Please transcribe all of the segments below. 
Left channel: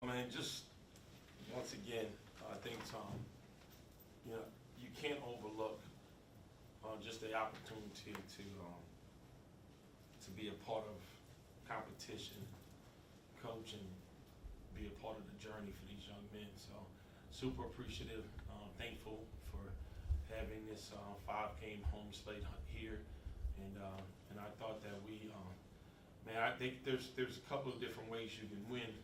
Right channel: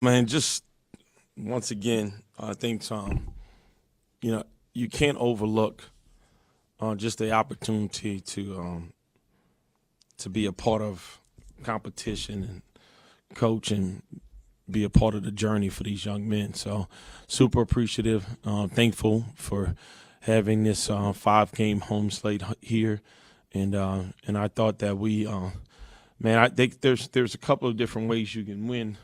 Man, just once again, I think you can't overlook just the opportunity to be a part of competition and coach and be a part of the journey for these young men. So super appreciative, thankful for having this 5 game home slate here, and I thought that man, I think there's a couple of different ways you can win,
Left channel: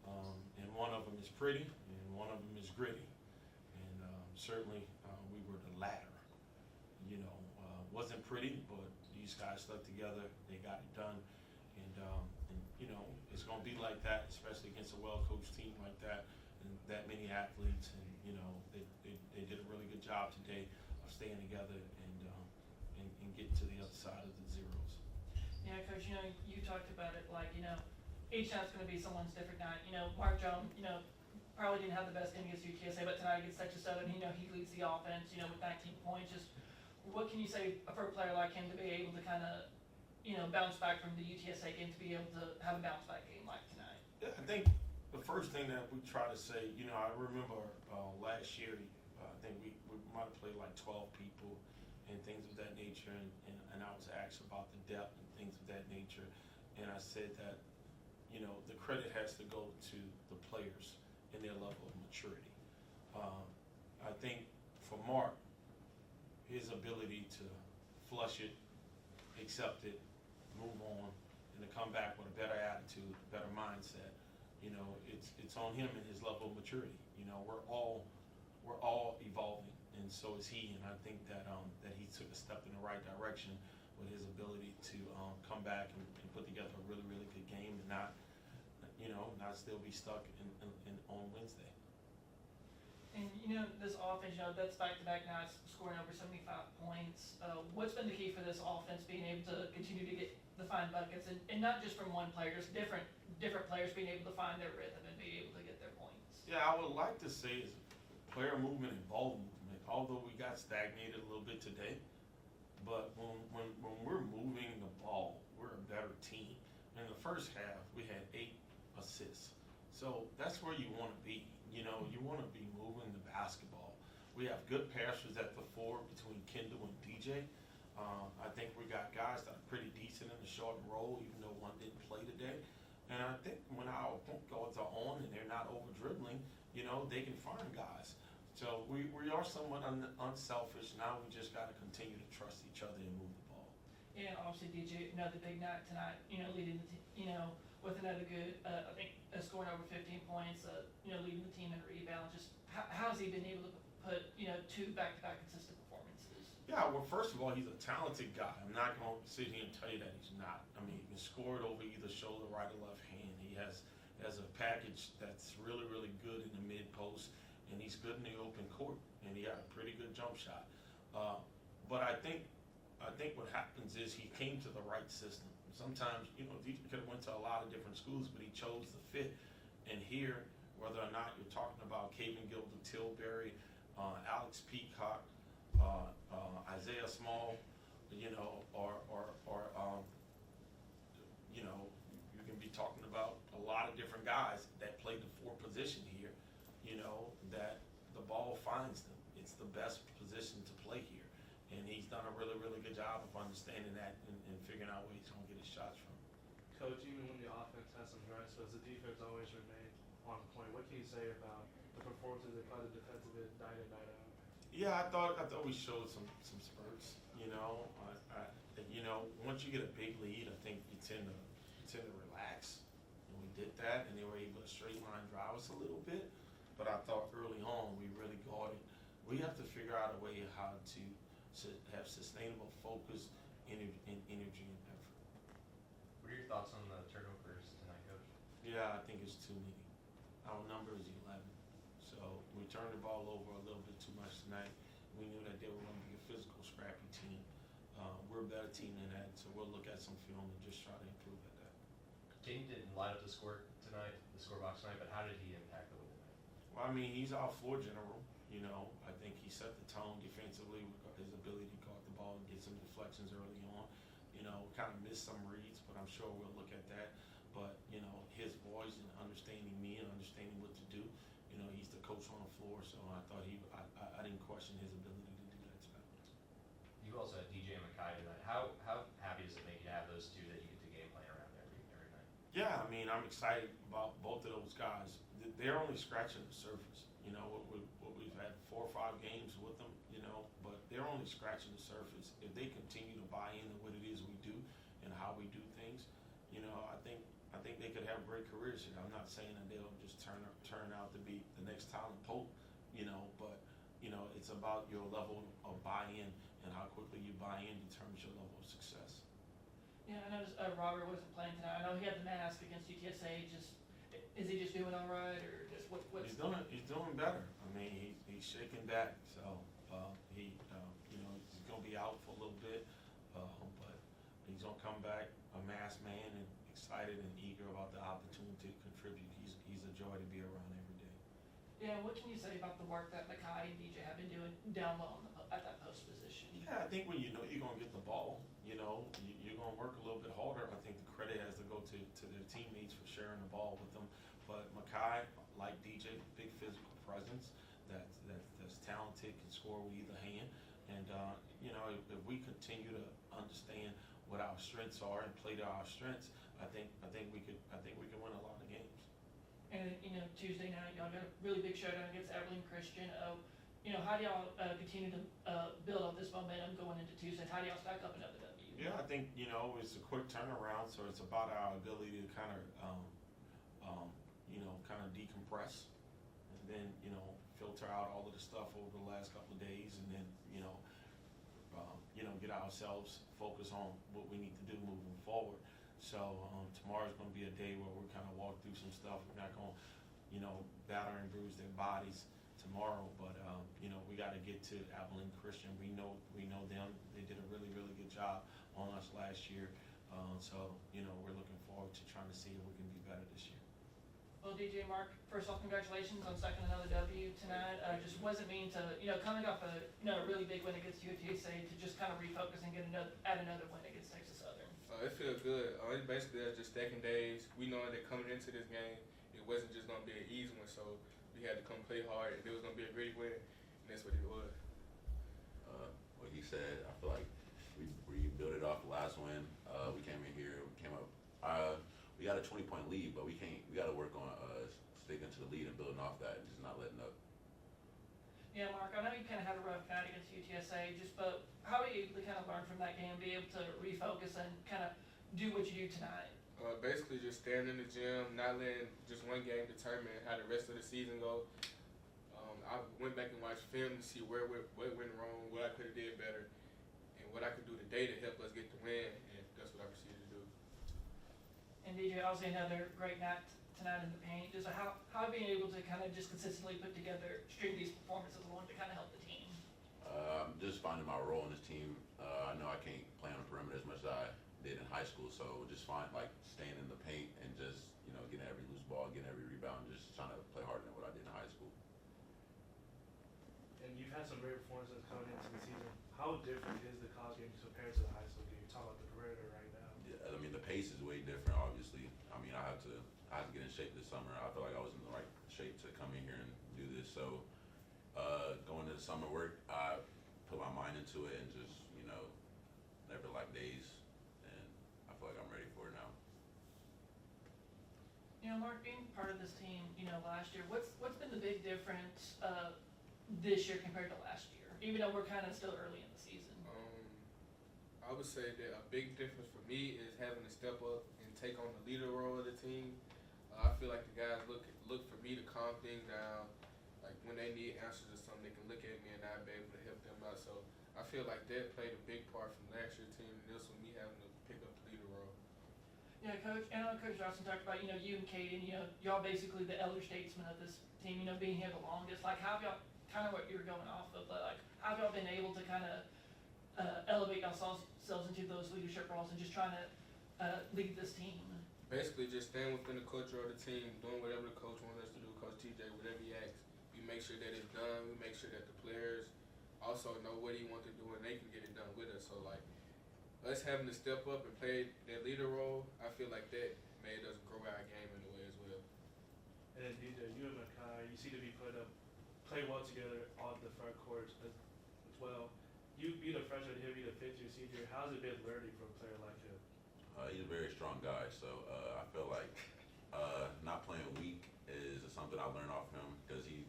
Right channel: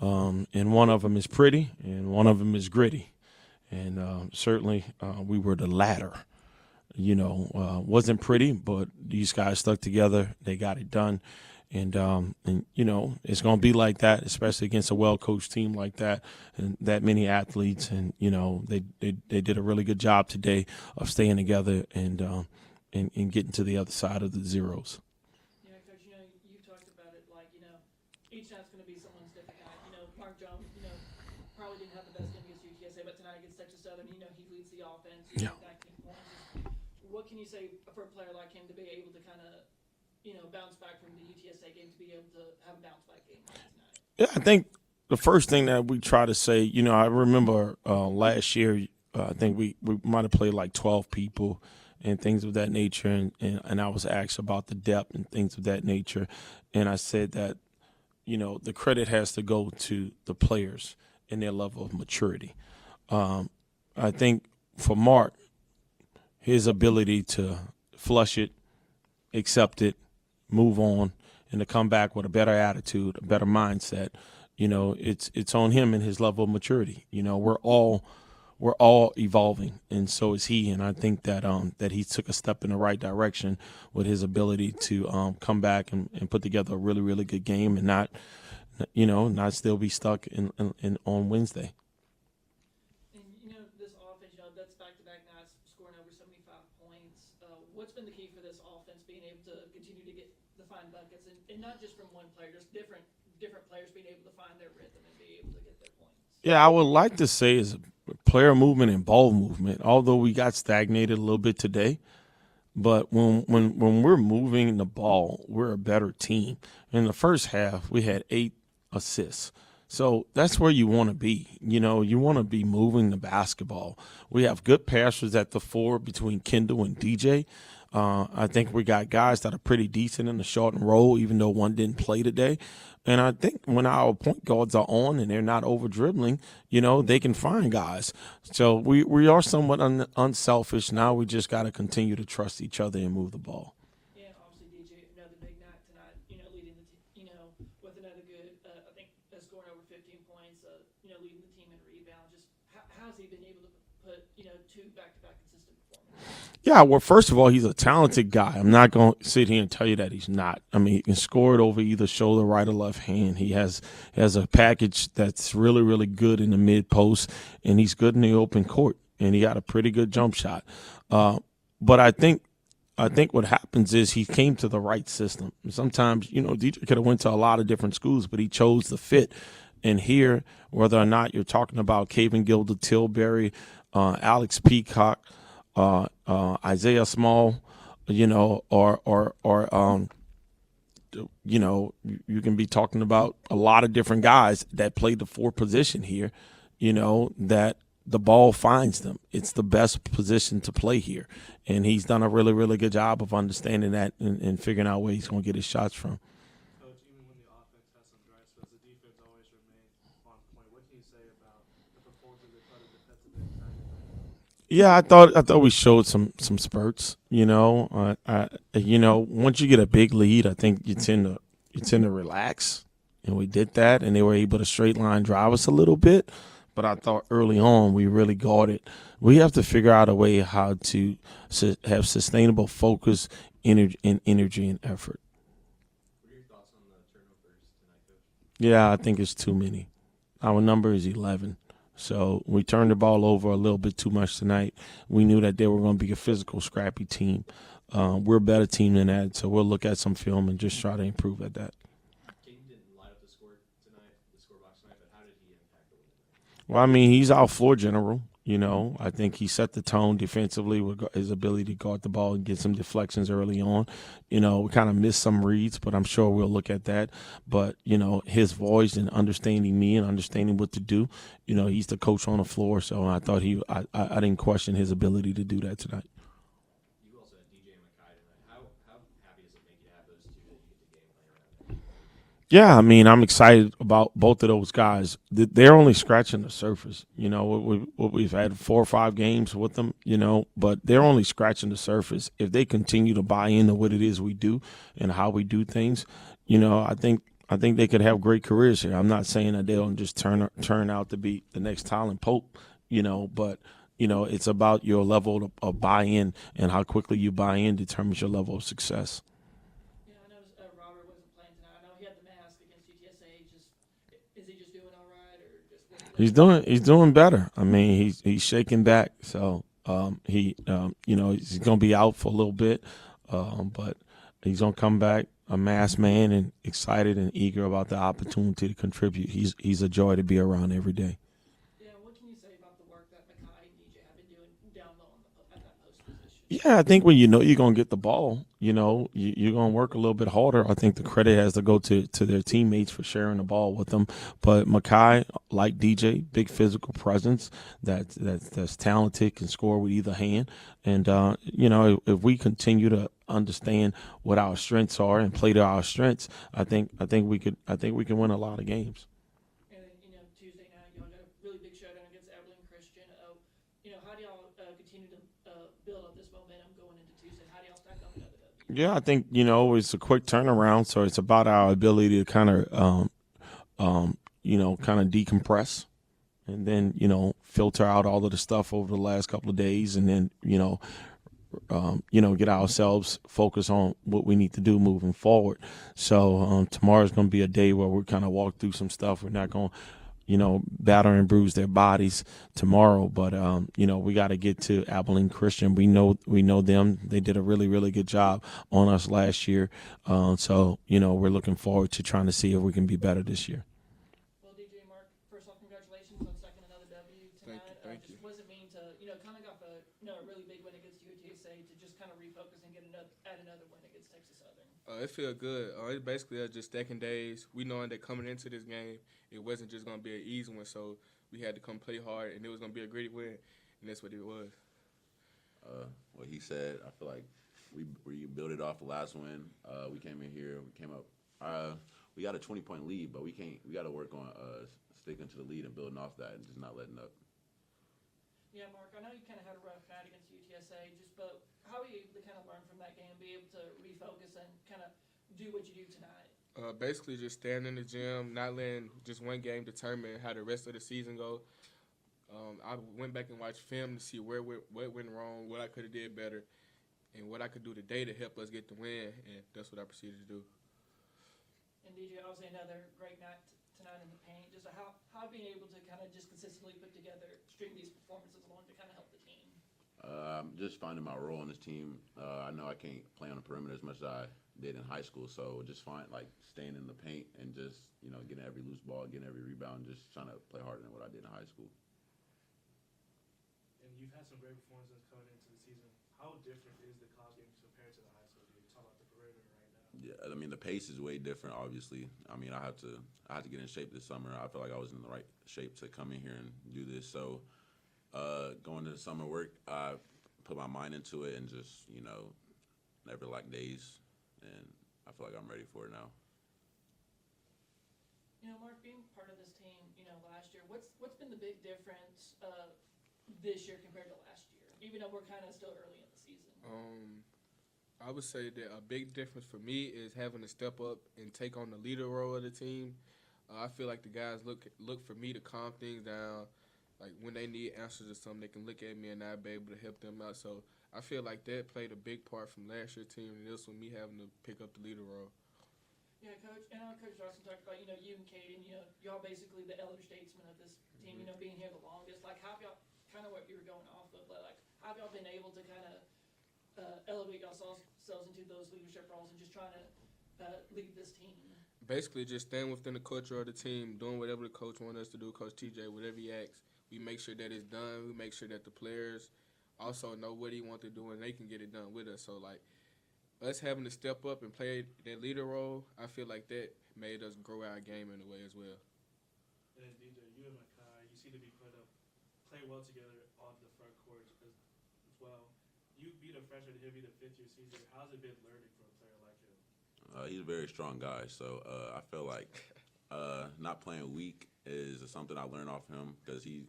and one of them is pretty, and one of them is gritty, and certainly we were the latter. Wasn't pretty, but these guys stuck together. They got it done. And it's going to be like that, especially against a well-coached team like that and that many athletes. And, they did a really good job today of staying together and getting to the other side of the zeros. Yeah, Coach, you talked about it like, each night's going to be someone's different night. Mark Jones, probably didn't have the best game against UTSA, but tonight against Texas Southern, he leads the offense, Yeah. 19 points. Just what can you say for a player like him to be able to kind of, bounce back from the UTSA game to be able to have a bounce back game like tonight? Yeah, I think the first thing that we try to say, I remember last year, I think we might have played like 12 people and things of that nature. And I was asked about the depth and things of that nature. And I said that, the credit has to go to the players and their level of maturity. I think for Mark, his ability to flush it, accept it, move on, and to come back with a better attitude, a better mindset, it's on him and his level of maturity. We're all evolving, and so is he. And I think that that he took a step in the right direction with his ability to come back and put together a really, really good game and not still be stuck in on Wednesday. And, this offense, that's back-to-back nights scoring over 75 points. What's been the key for this offense being able to continue to find buckets, and not just from one player, just different players being able to find their rhythm and be able to get their points? Yeah, I would like to say is player movement and ball movement. Although we got stagnated a little bit today, but when we're moving the ball, we're a better team. In the first half, we had 8 assists. So that's where you want to be. You want to be moving the basketball. We have good passers at the 4 between Kendall and DJ. I think we got guys that are pretty decent in the short and roll, even though one didn't play today. And I think when our point guards are on and they're not over dribbling, they can find guys. So we are somewhat unselfish. Now we just got to continue to trust each other and move the ball. And obviously, DJ, another big night tonight, leading the with another good, I think, scoring over 15 points, leading the team in rebounds. Just how has he been able to put, 2 back-to-back consistent performances? Yeah, well, first of all, he's a talented guy. I'm not going to sit here and tell you that he's not. I mean, he can score it over either shoulder, right or left hand. He has a package that's really, really good in the mid post, and he's good in the open court, and he got a pretty good jump shot. But I think what happens is he came to the right system. Sometimes, DJ could have went to a lot of different schools, but he chose the fit. And here, whether or not you're talking about Caven Gilder, Tilbury, Alex Peacock, Isaiah Small, or you can be talking about a lot of different guys that play the 4 position here, that the ball finds them. It's the best position to play here. And he's done a really, really good job of understanding that and figuring out where he's going to get his shots from. Coach, even when the offense has some rest, does the defense always remain on point? What can you say about the performances of the defensive end night in night out? Yeah, I thought we showed some spurts. Once you get a big lead, I think you tend to relax, and we did that, and they were able to straight line drive us a little bit. But I thought early on we really guarded. We have to figure out a way how to have sustainable focus, energy, and effort. What are your thoughts on the turnovers tonight, Coach? Yeah, I think it's too many. Our number is 11. So we turned the ball over a little bit too much tonight. We knew that they were going to be a physical, scrappy team. We're a better team than that, so we'll look at some film and just try to improve at that. James didn't light up the scorebox tonight, but how did he impact the win tonight? Well, I mean, he's our floor general. I think he set the tone defensively with his ability to guard the ball and get some deflections early on. We kind of missed some reads, but I'm sure we'll look at that. But, his voice and understanding me and understanding what to do, he's the coach on the floor. So I thought I didn't question his ability to do that tonight. You also had DJ and Makai tonight. How happy does it make you to have those two that you get to game plan around there? Yeah, I mean, I'm excited about both of those guys. They're only scratching the surface. We've had 4 or 5 games with them, but they're only scratching the surface. If they continue to buy into what it is we do and how we do things, I think they could have great careers here. I'm not saying that they'll just turn out to be the next Tylen Pope, but it's about your level of buy-in, and how quickly you buy in determines your level of success. Yeah, I know Robert wasn't playing tonight. I know he had the mask against UTSA. Is he just doing all right, or just He's doing better. I mean, he's shaking back, so he's gonna be out for a little bit, but he's gonna come back a masked man and excited and eager about the opportunity to contribute. He's a joy to be around every day. Yeah, what can you say about the work that Makai and DJ have been doing down low at that post position? Yeah, I think when you're going to get the ball, you're going to work a little bit harder. I think the credit has to go to their teammates for sharing the ball with them. But Makai, like DJ, big physical presence that's talented, can score with either hand. And, if we continue to understand what our strengths are and play to our strengths, I think we can win a lot of games. And then, Tuesday night, y'all got a really big showdown against Abilene Christian. How do y'all continue to build up this momentum going into Tuesday? How do y'all stack up another W? Yeah, I think it's a quick turnaround, so it's about our ability to kind of decompress, and then filter out all of the stuff over the last couple of days, and then get ourselves focused on what we need to do moving forward. So tomorrow's going to be a day where we kind of walk through some stuff. We're not going to batter and bruise their bodies tomorrow, but we got to get to Abilene Christian. We know them. They did a really, really good job on us last year. So we're looking forward to trying to see if we can be better this year. Well, DJ, Mark, first off, congratulations on stacking another W tonight. Just wasn't mean to, coming off a really big win against UTSA, to just kind of refocus and add another win against Texas Southern. It feels good. It's basically just stacking days. We knowing that coming into this game, it wasn't just going to be an easy one, so we had to come play hard, and it was going to be a great win, and that's what it was. What he said, I feel like we built it off the last win. We came in here, we got a 20-point lead, but we got to work on sticking to the lead and building off that and just not letting up. Yeah, Mark, I know you kind of had a rough night against UTSA, but how were you able to kind of learn from that game, be able to refocus and kind of do what you do tonight? Basically just staying in the gym, not letting just one game determine how the rest of the season go. I went back and watched film to see what went wrong, what I could have did better, and what I could do today to help us get the win, and that's what I proceeded to do. And DJ, obviously another great night tonight in the paint. Just how being able to kind of just consistently put together, string these performances along to kind of help the team? Just finding my role in this team. I know I can't play on the perimeter as much as I did in high school, so just staying in the paint and just getting every loose ball, getting every rebound, just trying to play harder than what I did in high school. And you've had some great performances coming into the season. How different is the college game compared to the high school game? You're talking about the perimeter right now. Yeah, I mean the pace is way different. Obviously, I mean I had to get in shape this summer. I feel like I was in the right shape to come in here and do this. So going to the summer work, I put my mind into it and just never lack days, and I feel like I'm ready for it now. Mark, being part of this team, last year, what's been the big difference this year compared to last year? Even though we're kind of still early in the season. I would say that a big difference for me is having to step up and take on the leader role of the team. I feel like the guys look for me to calm things down. Like when they need answers to something, they can look at me and I'll be able to help them out. So I feel like that played a big part from last year's team, and this one me having to pick up the leader role. Yeah, Coach. And Coach Johnson talked about you and Caden. Y'all basically the elder statesmen of this team. Being here the longest. Like, how have y'all kind of what you're going off of? But like, how have y'all been able to kind of elevate yourselves into those leadership roles and just trying to lead this team? Basically, just staying within the culture of the team, doing whatever the coach wants us to do, Coach TJ, whatever he asks, we make sure that it's done. We make sure that the players also know what he wants to do and they can get it done with us. So like us having to step up and play that leader role, I feel like that made us grow our game in a way as well. And then DJ, you and Makai, you seem to be play well together on the front court as well. You beat a freshman, he'll be the fifth year senior. How's it been learning from a player like him? He's a very strong guy, so I feel like not playing weak is something I learned off him because he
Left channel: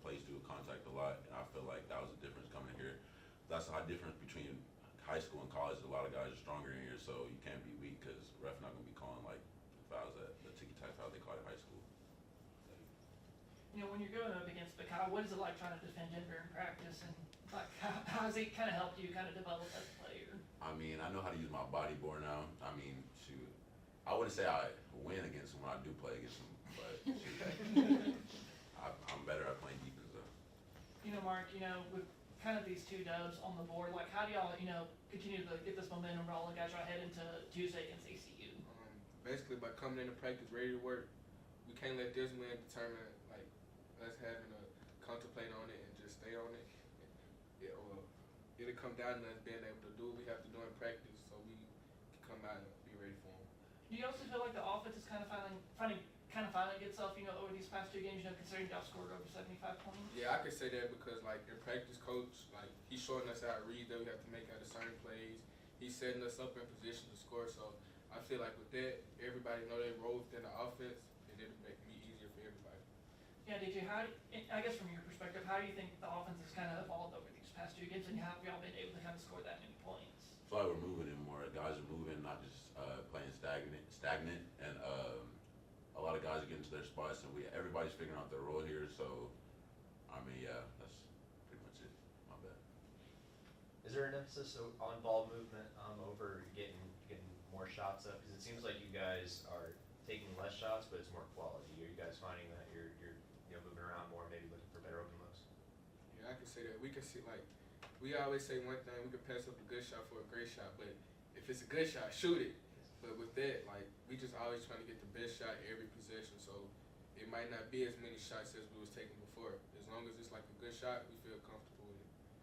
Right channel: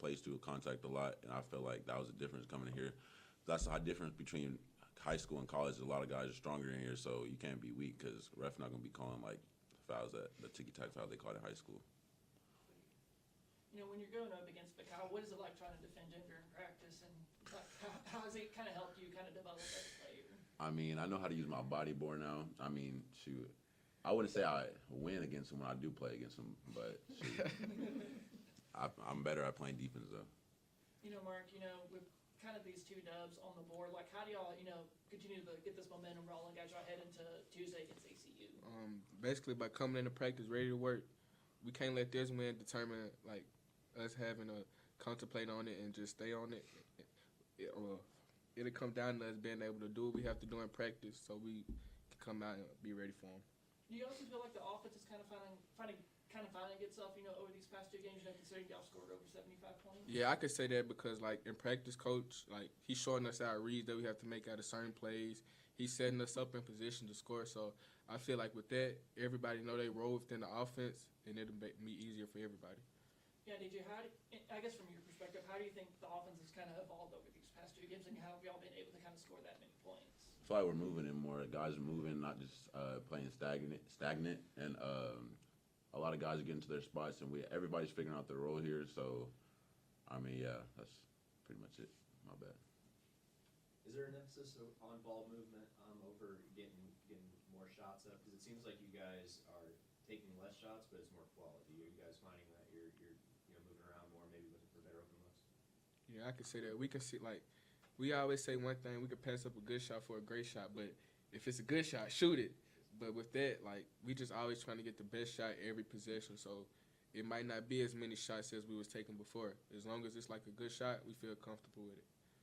plays through contact a lot, and I feel like that was the difference coming in here. That's the difference between high school and college. A lot of guys are stronger in here, so you can't be weak because ref not gonna be calling like fouls at the ticky-tack foul they call it in high school. You know, when you're going up against Makai, what is it like trying to defend Denver in practice, and like how has it kind of helped you kind of develop as a player? I mean, I know how to use my body more now. I mean, shoot, I wouldn't say I win against him when I do play against him, but I'm better at playing defense though. You know, Mark, you know, with kind of these 2 dubs on the board, like how do y'all, you know, continue to get this momentum rolling as y'all head into Tuesday against ACU? Basically by coming into practice ready to work. We can't let this man determine like us having to contemplate on it and just stay on it. It'll come down to us being able to do what we have to do in practice so we can come out and be ready for him. Do you also feel like the offense is kind of finding itself, you know, over these past 2 games, you know, considering y'all scored over 75 points? Yeah, I could say that because like in practice, coach, like he's showing us our reads that we have to make out of certain plays. He's setting us up in position to score. So I feel like with that, everybody know they role within the offense, and it'll make me easier for everybody. Yeah, DJ, I guess from your perspective, how do you think the offense has kind of evolved over these past 2 games, and how have y'all been able to kind of score that many points? I feel like we're moving in more. Guys are moving, not just playing stagnant, and a lot of guys are getting to their spots, and everybody's figuring out their role here. So, I mean, yeah, that's pretty much it. My bad. Is there an emphasis on ball movement over getting more shots up? Because it seems like you guys are taking less shots, but it's more quality. Are you guys finding that you're you know, moving around more, maybe looking for better open looks? Yeah, I can say that. We can see like we always say one thing: we can pass up a good shot for a great shot, but if it's a good shot, shoot it. But with that, like we just always trying to get the best shot every possession. So it might not be as many shots as we was taking before. As long as it's like a good shot, we feel comfortable with it.